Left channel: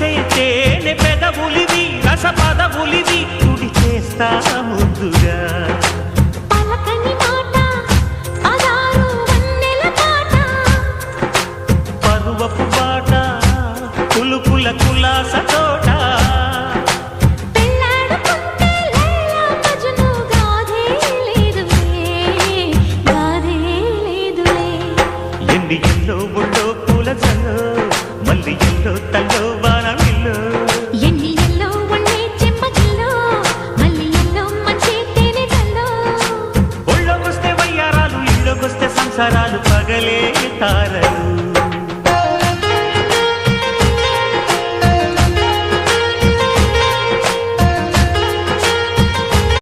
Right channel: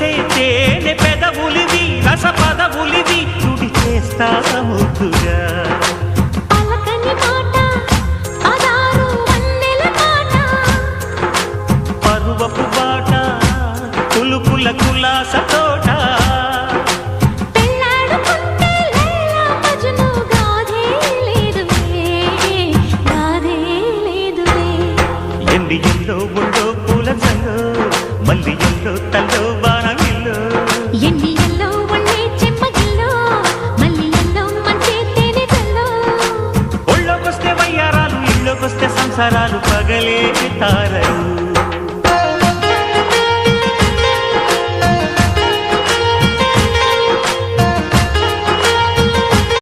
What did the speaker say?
మెరిసే తేనె పెదవులివి రస పదవులివి తుడి చేస్తా ముద్దుగా పలకని మాట పదారు వన్నెల పాట పరువపు బాట కులుకుల కులాస తోట పెళ్ళాడుకుంటే లైలా మజ్ను గాథే లేదులే ఎండి ఎల్లో ఒళ్ళో పూల జల్లో మల్లి ఎల్లో తల్లో వానవిల్లో ఎన్ని ఎల్లో ఒళ్ళే చెమ్మగిల్లో మల్లి ఎల్లో మంచి తేనె జల్లో ఒళ్ళోకొస్తే వయ్యారాలు ఇళ్ళోకొస్తే సంసారాలు పగలే తారలు